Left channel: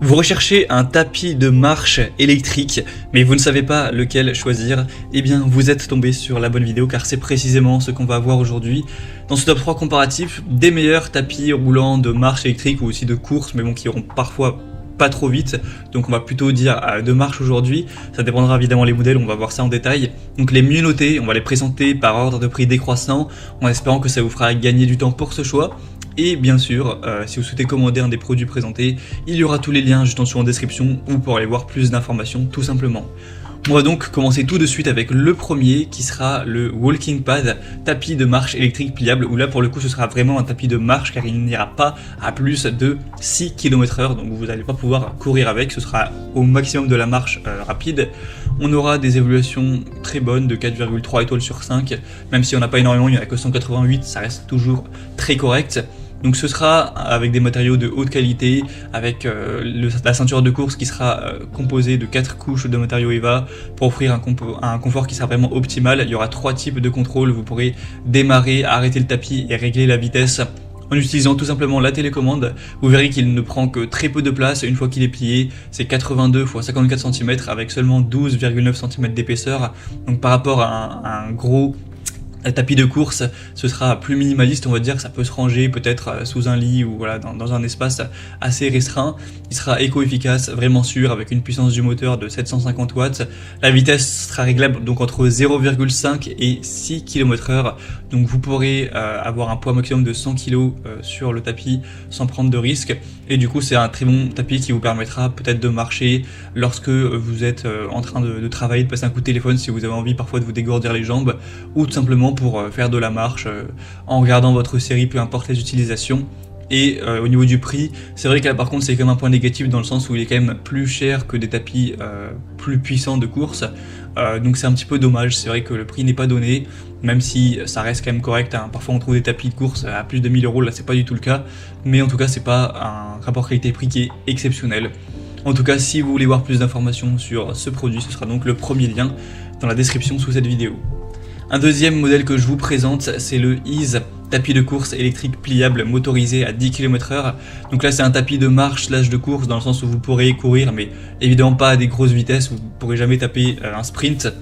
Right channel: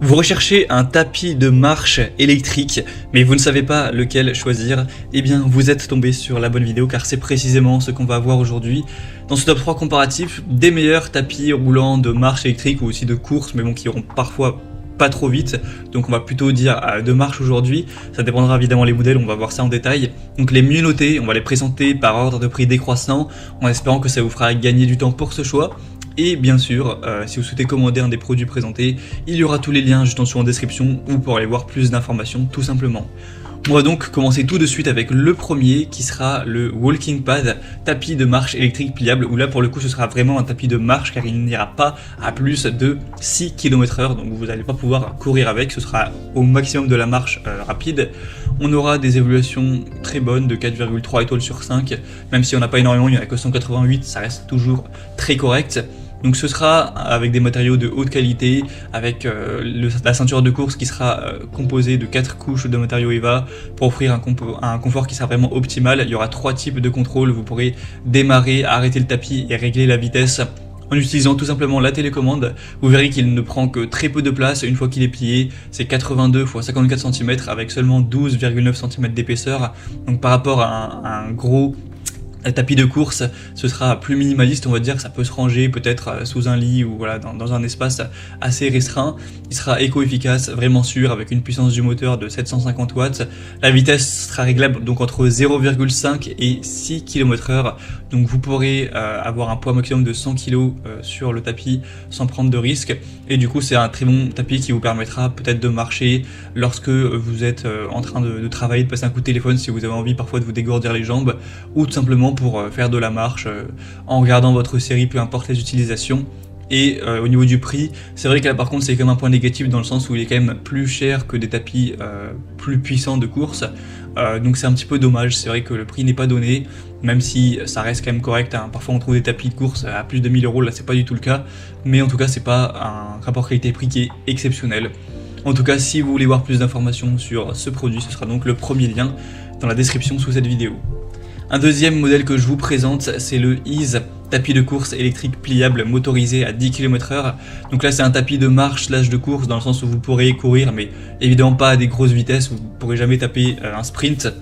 Vous recherchez un tapis de marche électrique, mais vous ne savez pas lequel choisir, eh bien vous êtes tombé sur la bonne vidéo car c'est précisément ce qu'on va voir aujourd'hui dans ce top 3 comparatif des meilleurs tapis roulants de marche électrique ou aussi de course, mais bon qui iront parfois pas trop vite, donc on va plutôt dire de marche aujourd'hui. Ça dépendra évidemment les modèles, on va voir ça en détail. Donc les mieux notés, on va les présenter par ordre de prix décroissant, en espérant que ça vous fera gagner du temps pour ce choix. Et bien sûr, si vous souhaitez commander un des produits présentés, il y aura tous les liens juste en dessous en description où vous pourrez aller voir plus d'informations tout simplement. On va donc commencer tout de suite avec le premier qui sera le Walking Pad, tapis de marche électrique pliable, où là pour le coup ce sera vraiment un tapis de marche car il n'ira pas à plus de 6 km/h, donc vous n'allez pas pouvoir courir avec, ce sera au maximum de la marche rapide. On aura des évaluations très bonnes de 4,3 étoiles sur 5, même si on n'a pas énormément, il n'y en a que 188, ça reste toujours très correct. Donc ce sera avec des matériaux de haute qualité, avec la ceinture de course qui sera composée de 4 couches de matériaux EVA pour offrir un confort qui sera vraiment optimal. Il y aura 3 types de contrôle, vous pourrez démarrer, arrêter le tapis et régler la vitesse en utilisant tout simplement la télécommande. Vous verrez qu'il ne prend que très peu de place une fois qu'il est plié, c'est 82 x 54 cm avec seulement 12,9 cm d'épaisseur. Donc par rapport à un gros tapis de course, ce sera plus minimaliste, on va dire, ça peut se ranger peut-être sous un lit ou voilà dans un espace assez restreint. Il sera éco-efficace, vraiment sûr, avec une puissance du moteur de 750 watts. La vitesse sera réglable donc entre 0,5 et 6 km/h. Donc vous pourrez avoir un poids maximum de 100 kg sur le tapis sans prendre de risque. Et du coup c'est un très bon tapis qui vous permettra peut-être de marcher lorsque vous êtes en train de travailler, de passer un coup de téléphone si vous avez envie parfois de vous dégourdir les jambes, ou tout simplement pour faire de la marche en regardant votre série, peu importe les utilisations. Et au niveau du prix, c'est vrai que là par contre c'est quand même un point négatif dans le sens où il est quand même plus cher que des tapis plus puissants de course. Donc c'est un petit peu dommage, c'est vrai que le prix n'est pas donné, même si ça reste quand même correct, hein. Parfois on trouve des tapis de course à plus de 1000 euros, là c'est pas du tout le cas, mais en tout cas c'est pas un rapport qualité-prix qui est exceptionnel. En tout cas, si vous voulez voir plus d'informations sur ce produit, ce sera donc le premier lien dans la description sous cette vidéo. Un deuxième modèle que je vous présente, c'est le Ease, tapis de course électrique pliable motorisé à 10 km/h. Donc là c'est un tapis de marche slash de course dans le sens où vous pourrez courir, mais évidemment pas à des grosses vitesses, vous ne pourrez jamais taper un sprint.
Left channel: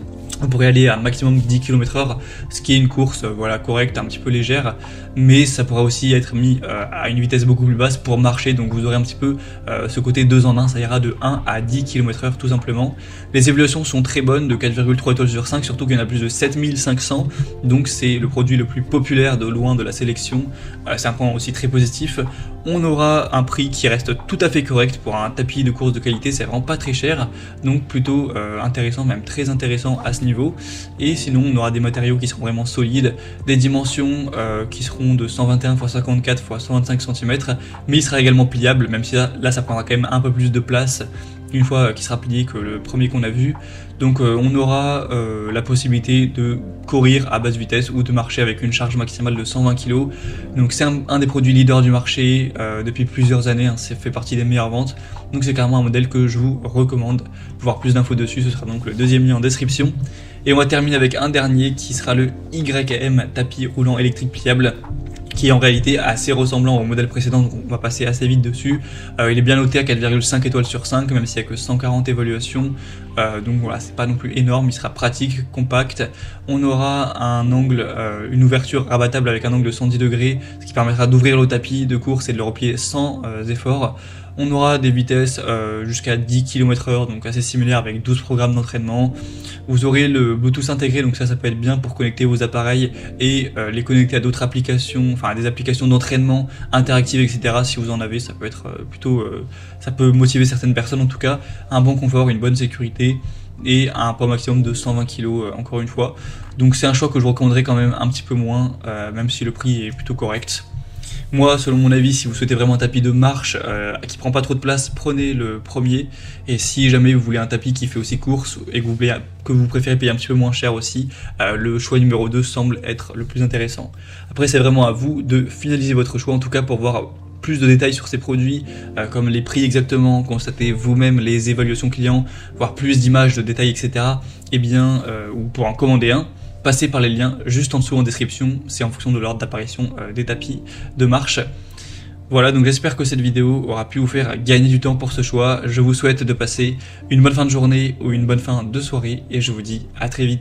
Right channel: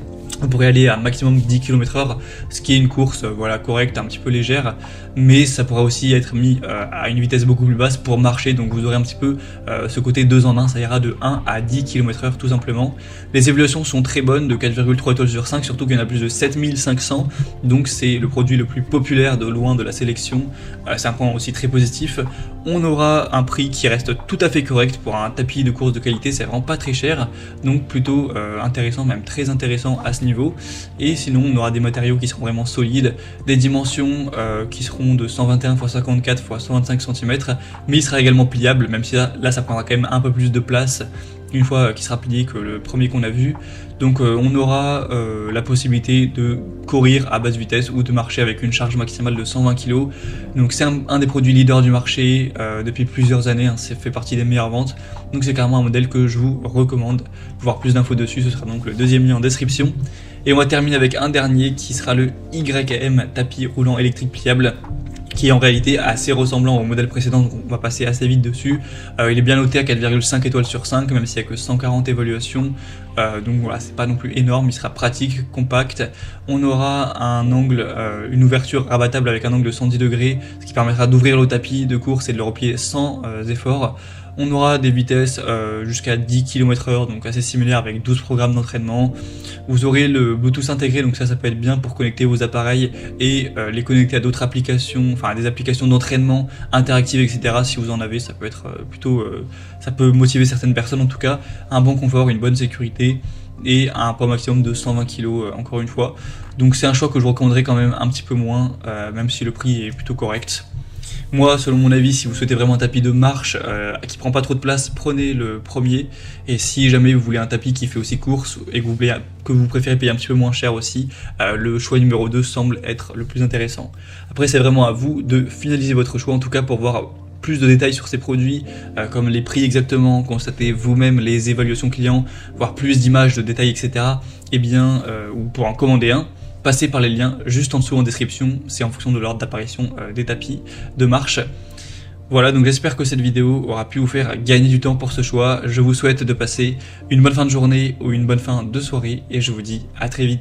On pourrait aller à un maximum de 10 km/h, ce qui est une course voilà, correcte, un petit peu légère, mais ça pourra aussi être mis à une vitesse beaucoup plus basse pour marcher, donc vous aurez un petit peu ce côté 2 en 1, ça ira de 1 à 10 km/h tout simplement. Les évaluations sont très bonnes, de 4,3 étoiles sur 5, surtout qu'il y en a plus de 7500, donc c'est le produit le plus populaire de loin de la sélection, c'est un point aussi très positif. On aura un prix qui reste tout à fait correct pour un tapis de course de qualité, c'est vraiment pas très cher, donc plutôt intéressant, même très intéressant à ce niveau. Et sinon on aura des matériaux qui seront vraiment solides, des dimensions qui seront de 121 x 54 x 125 cm, mais il sera également pliable, même si là ça prendra quand même un peu plus de place une fois qu'il sera plié que le premier qu'on a vu. Donc on aura la possibilité de courir à basse vitesse ou de marcher avec une charge maximale de 120 kg. Donc c'est un des produits leaders du marché depuis plusieurs années, hein, ça fait partie des meilleures ventes. Donc c'est clairement un modèle que je vous recommande. Pour voir plus d'infos dessus, ce sera donc le deuxième lien en description. Et on va terminer avec un dernier qui sera le YM, tapis roulant électrique pliable, qui est en réalité assez ressemblant au modèle précédent, donc on va passer assez vite dessus. Il est bien noté à 4,5 étoiles sur 5, même s'il n'y a que 140 évaluations, donc voilà, c'est pas non plus énorme, il sera pratique, compact. On aura un angle, une ouverture rabattable avec un angle de 110 degrés, ce qui permettra d'ouvrir le tapis de course et de le replier sans effort. On aura des vitesses jusqu'à 10 km/h, donc assez similaires avec 12 programmes d'entraînement. Vous aurez le Bluetooth intégré, donc ça peut être bien pour connecter vos appareils et les connecter à d'autres applications, enfin des applications d'entraînement interactives, etc. Si vous en avez, ça peut être plutôt, ça peut motiver certaines personnes en tout cas. Un bon confort, une bonne sécurité et un poids maximum de 120 kg encore une fois. Donc c'est un choix que je recommanderais quand même un petit peu moins, même si le prix est plutôt correct. Moi, selon mon avis, si vous souhaitez vraiment un tapis de marche qui prend pas trop de place, prenez le premier. Et si jamais vous voulez un tapis qui fait aussi course et que vous préférez payer un petit peu moins cher aussi, le choix numéro 2 semble être le plus intéressant. Après, c'est vraiment à vous de finaliser votre choix, en tout cas pour voir plus de détails sur ces produits, comme les prix exactement, constatez vous-même les évaluations clients, voir plus d'images, de détails, etc. Eh bien, vous pourrez en commander un. Passez par les liens juste en dessous en description, c'est en fonction de l'ordre d'apparition des tapis de marche. Voilà, donc j'espère que cette vidéo aura pu vous faire gagner du temps pour ce choix. Je vous souhaite de passer une bonne fin de journée ou une bonne fin de soirée et je vous dis à très vite.